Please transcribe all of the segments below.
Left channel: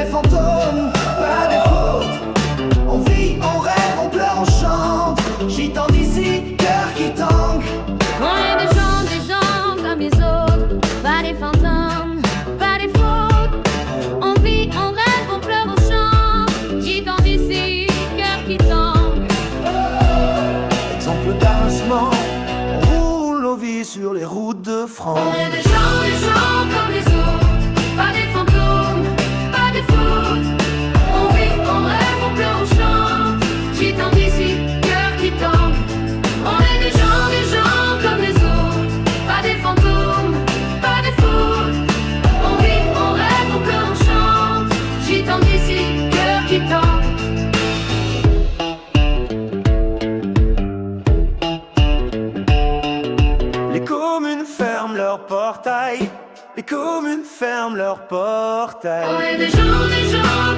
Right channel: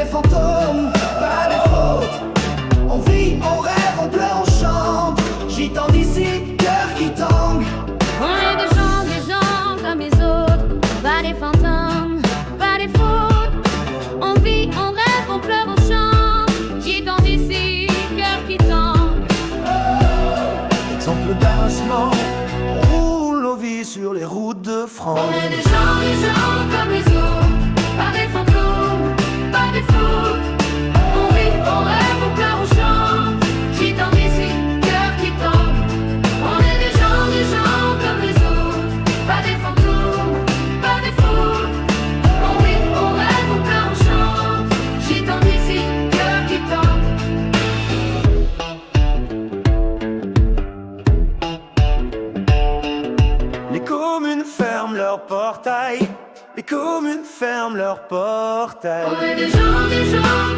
des fantômes, pas des fautes. On vit, on rêve, on pleure, on chante. Gitans d'ici, cœur qui tangue. On est des gens comme les autres. Pas des fantômes, pas des fautes. On vit, on rêve, on pleure, on chante. Gitans d'ici, cœur qui tangue. Exemple d'avancement, on roule nos vies sur les routes de France. On est des gens comme les autres. Pas des fantômes, pas des fautes. On vit, on rêve, on pleure, on chante. Gitans d'ici, cœur qui tangue. On est des gens comme les autres. Pas des fantômes, pas des fautes. On vit, on rêve, on pleure, on chante. Gitans d'ici, cœur qui tangue. Les communes ferment leurs portails. Les communes ferment leurs portails. On est des gens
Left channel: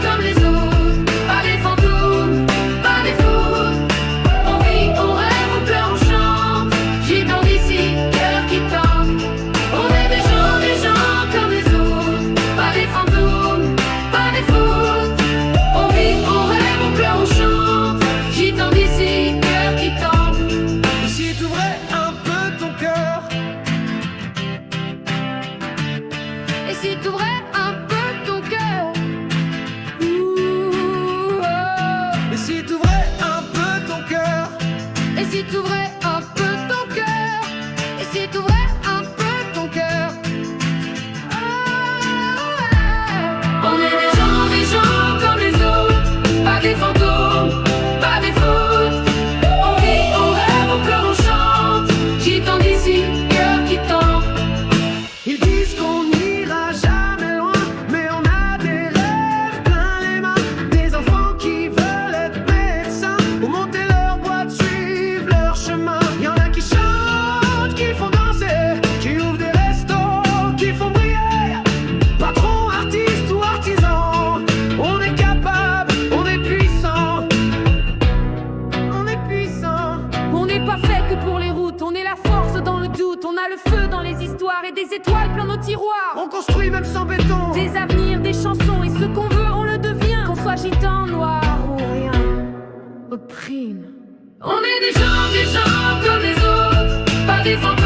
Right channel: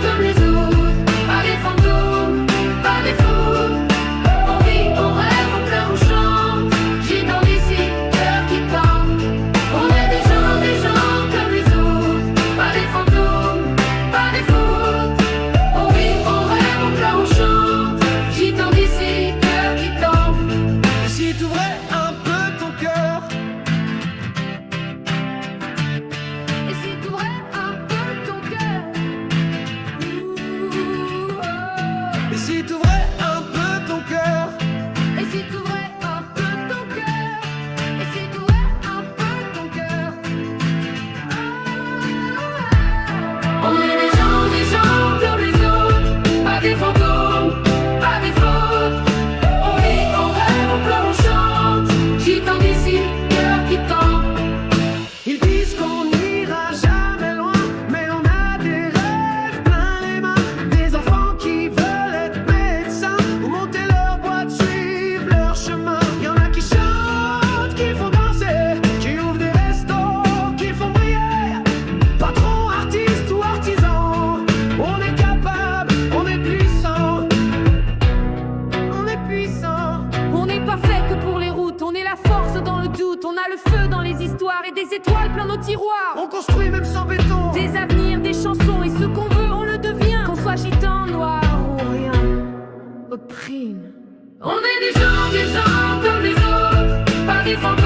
comme les autres. Pas des fantômes, pas des fautes. On vit, on rêve, on pleure, on chante. Gitans d'ici, cœur qui tangue. On est des gens comme les autres. Pas des fantômes, pas des fautes. On vit, on rêve, on pleure, on chante. Gitans d'ici, cœur qui tangue. Et si t'ouvrais un peu ton cœur, Et si t'ouvrais un peu ton cœur. Ouh, oh. et si t'ouvrais un peu ton cœur, Et si t'ouvrais un peu ton cœur. Et si t'ouvrais un peu ton cœur. Oh, ouais. On est des gens comme les autres. Pas des fantômes, pas des fautes. On vit, on rêve, on pleure, on chante. Gitans d'ici, cœur qui tangue. ils disent qu'on n'ira jamais loin, mais on a des rêves plein les mains. Des enfants qui veulent être médecins ou monter leur boîte, suivre leur chemin. Y en a qui chantent, qui font danser, qui ouvrent des restos, qui font briller. Patron, artiste ou artisan, on est capable, on est puissant. On est puissant. On n'est pas fait que pour les routes, on est la force dans le doute. On a le feu dans les histoires et des étoiles plein nos tiroirs. On construit même sans béton. Des avenirs, des chansons, et ce qu'on veut, on le devient. Qu'on soit gitan, noir ou rien, opprime. On est des gens comme les autres. Pas des fantômes.